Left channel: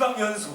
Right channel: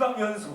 지방연수.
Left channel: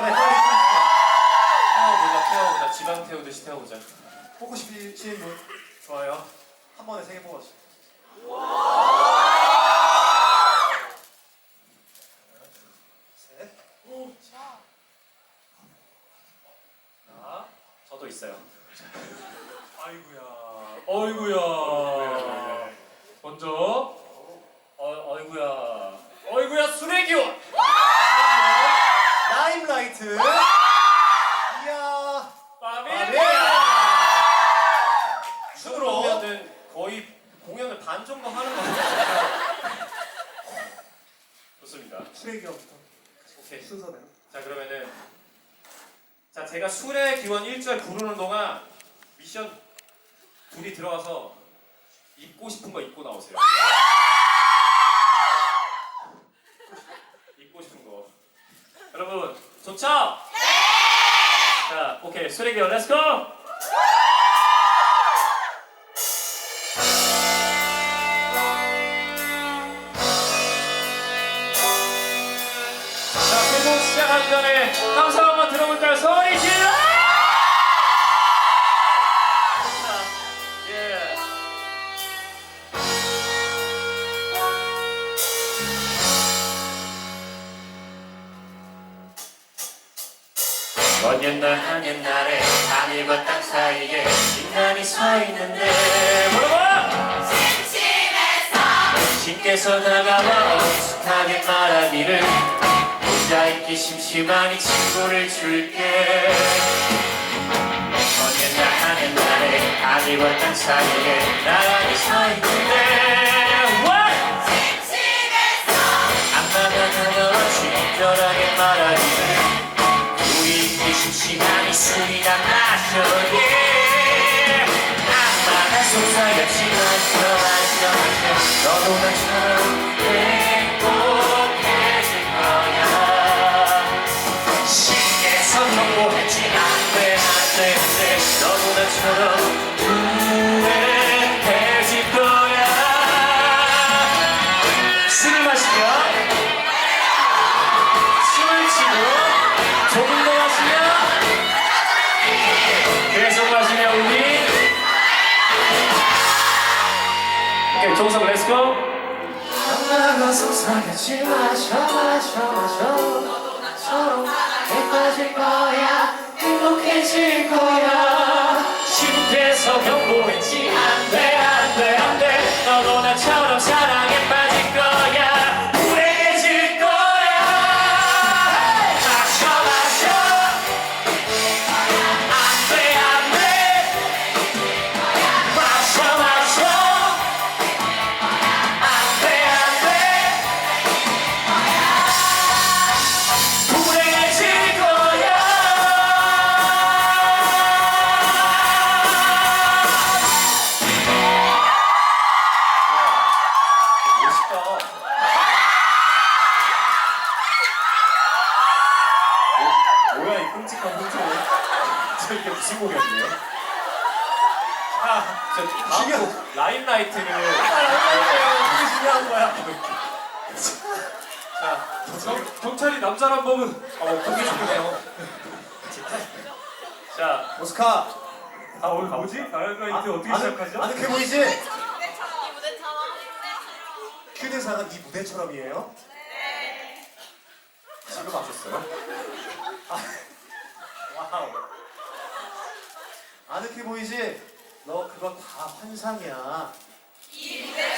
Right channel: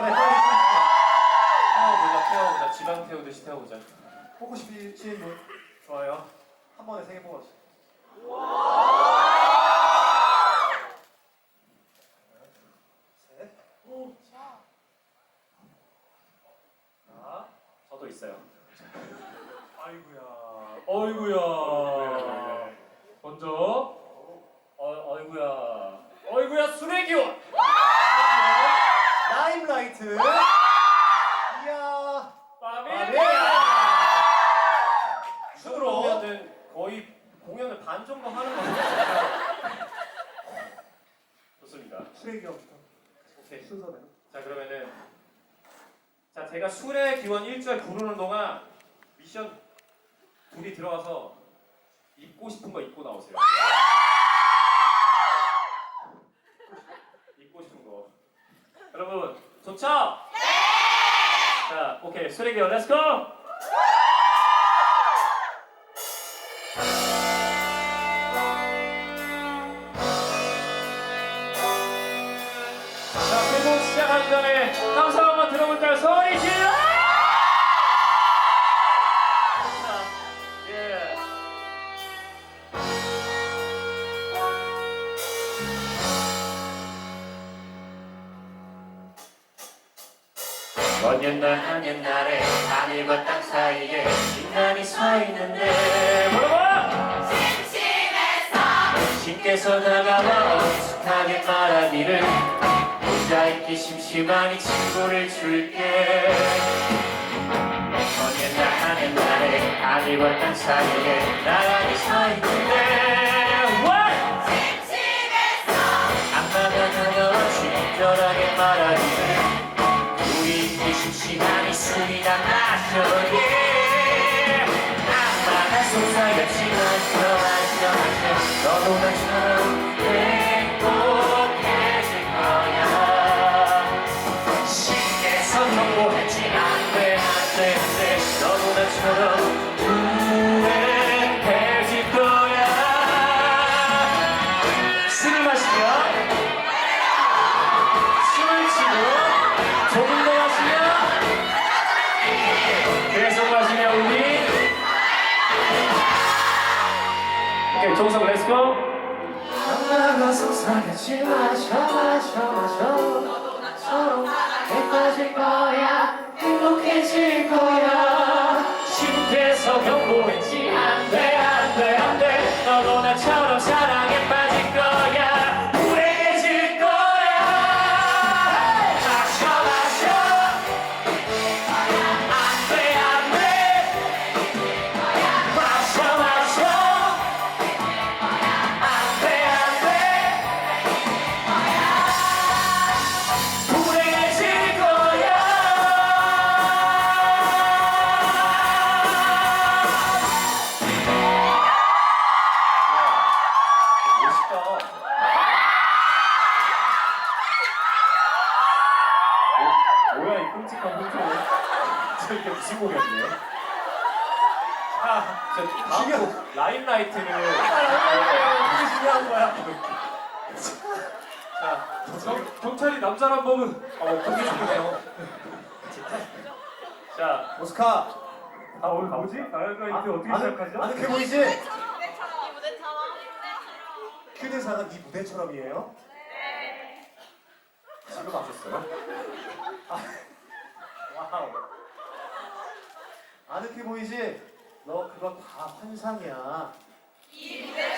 시간에 빨리 태워보자, 태워보자. 지방 태우듯이 태워보자. 뽑고 싶으신 분? 좋아요. 한 번에 세 개 뽑아주세요. 셋. 자, 저도 있어요. 아이구야. 어이구야. 먼저. 어, 어이구야. 어이구야, 수레기원! 트. 이야. 파밀리아. 순으로. 그러면은 거의 공연을 반 정도 하는 거 같아요. 좋습니다. 수레기부터 오케이. 순서대로. 자 그러면은 자 제가 술의 기원 1절 부르는 동안 미션 둘이 들어가서 입고 싶은 거 입고 나오세요. 입고 싶은 거. 여러분 좋죠? 네. 자 오케이 기원 렛츠고. 자, 세곡 시작하기 전에 감사 한번 들어볼까요? 소리 질 한 옛날에 하늘과 땅 사이에 인간이 서 있는데. 뭐라고? 신께서. 다가와 어숙하게 말하기를 혼자 있기 심심하니 친구를 줄게. 먼 옛날 한 옛날에 하늘과 땅 사이에 나란히 서 술이나 마셔 yeah. 악마가 속삭였지 마셔 마셔 너도 나처럼 행복해질 거야. 신께서 경고했지 안돼 안돼 안돼. 너도 나처럼 렛츠고 엄마가 속삭였지 마셔 마셔 마셔 서로 예뻐질 거야. 행복해질 거야. 신께서 경고했지. 안돼 안돼 안돼 어, 그게 중요해요. 자, 오스카 아 오늘 뭐지? 라임라이트 어떻게 시작하죠? 아늑해 보이지? 휴대사가 네 무대처럼이에요? 지금 하셨어요? 와우 아늑해 보이지? 너 그거 다 환상이야 무대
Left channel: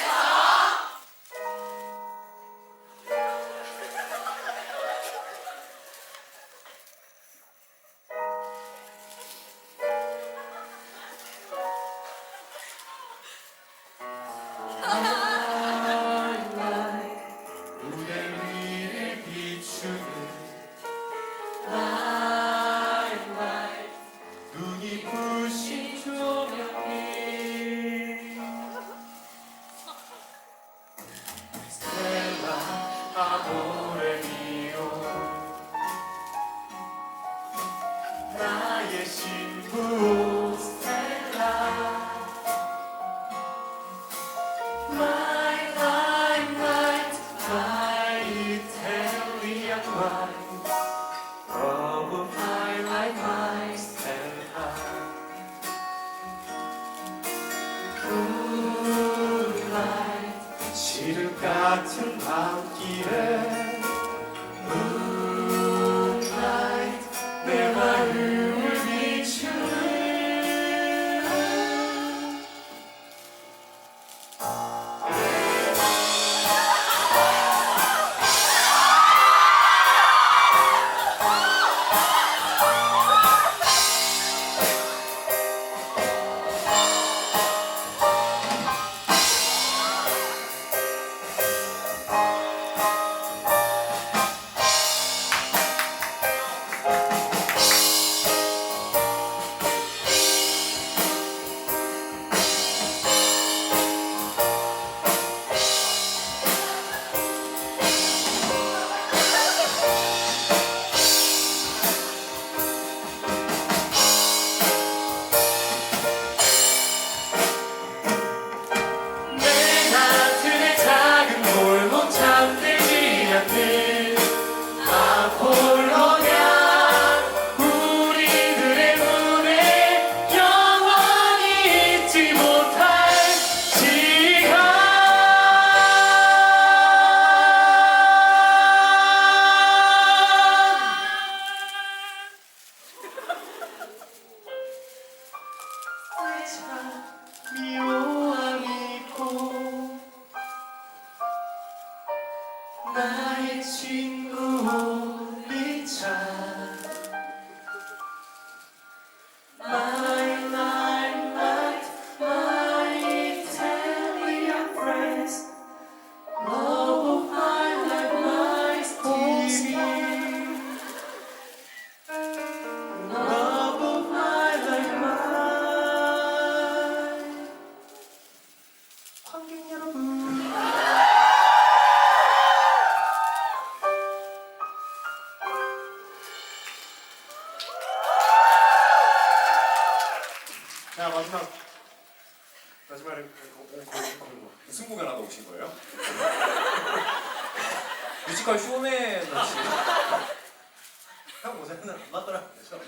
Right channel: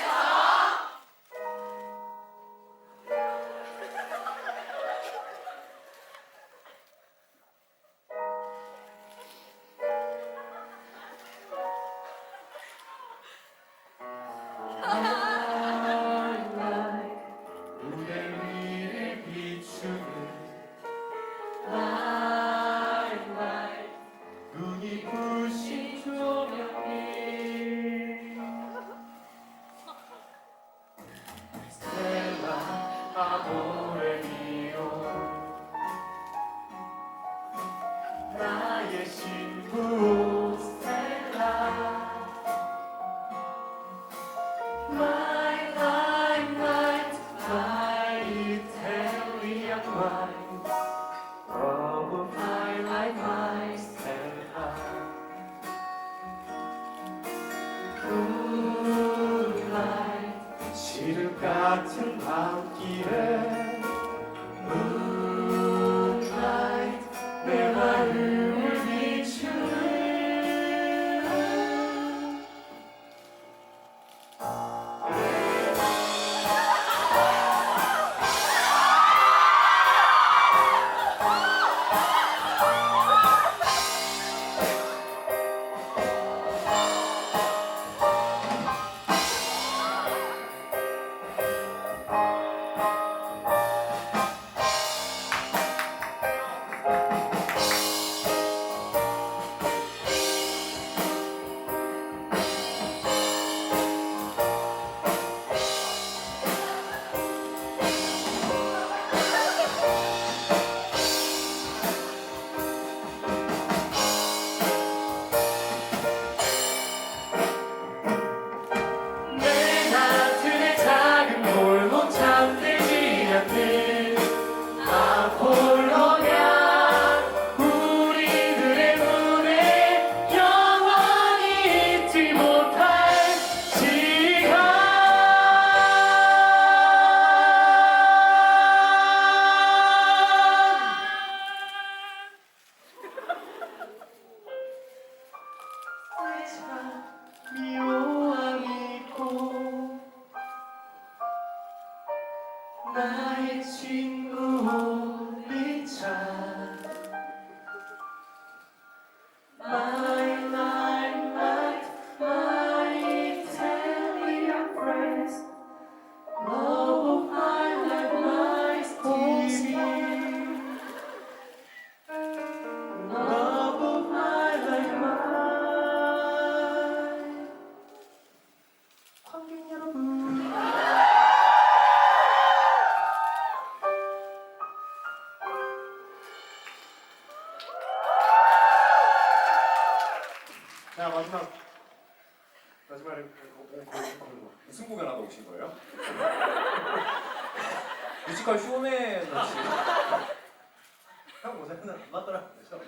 형 모자는 안 맞더라고요. 저.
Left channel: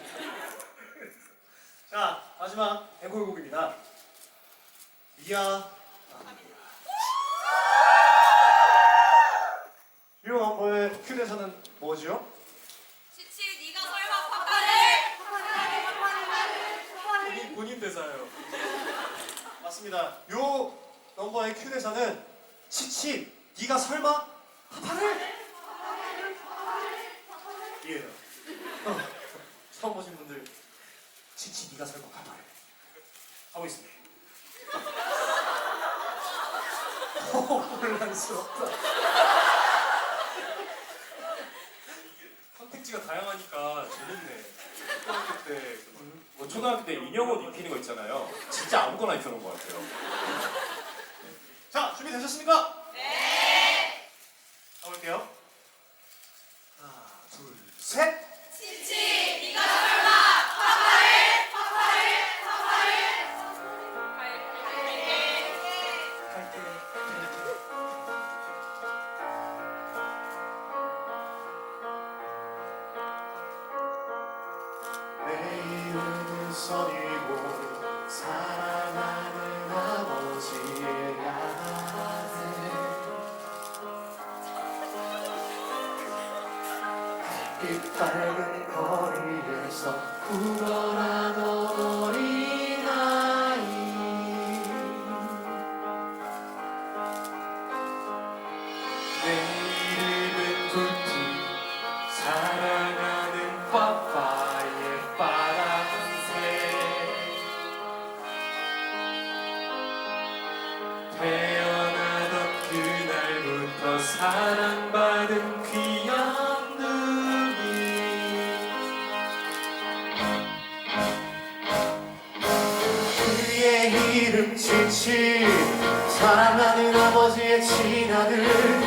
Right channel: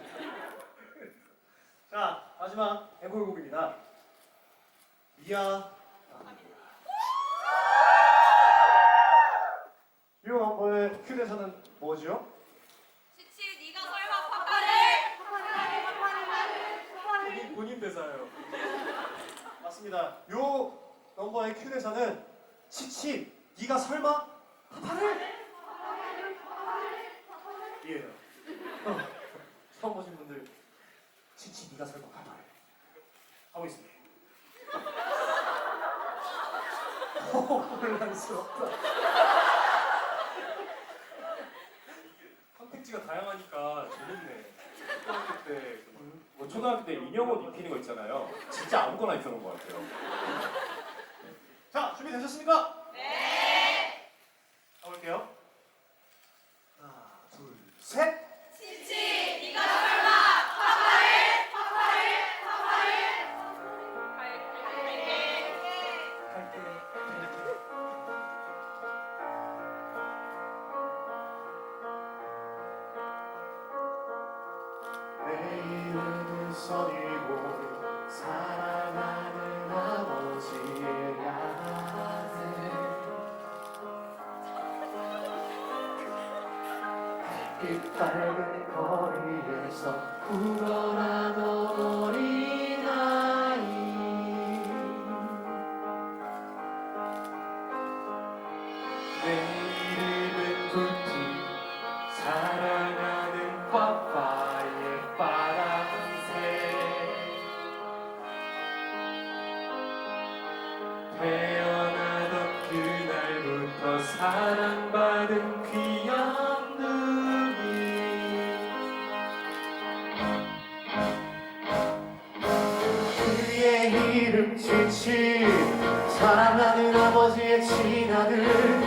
자 마지막 앵콜곡입니다. 미아 유명한 거의 큐대사는 뭐죠? 지치 네가 설마 파파를 본인, 본인 대사예요. 맞습니다. 요 넘버의 큐대사는 치치 네가 설마 파파를 이에요. 어, 처음 보신 분들 치치 네가 설마 파파를 하고 있습니다. 오, 혼란스럽다. 선택지가 다양하니까 재밌네. 초등학교 때, 뭐 초등학교 때 인형 옷 입히는 거 있잖아요. 진짜 아무거나 입혀놓은 것 같아요. 자, 준비되셨습니까? 네. 가볼게요. 선이고 사랑하는 아버지의 아들 빛 밝은 거리에서 불어 태어나던 그날부터 사랑받은 귀한 눈이. 그의 이름 지치 사랑하는 아버지의 친아들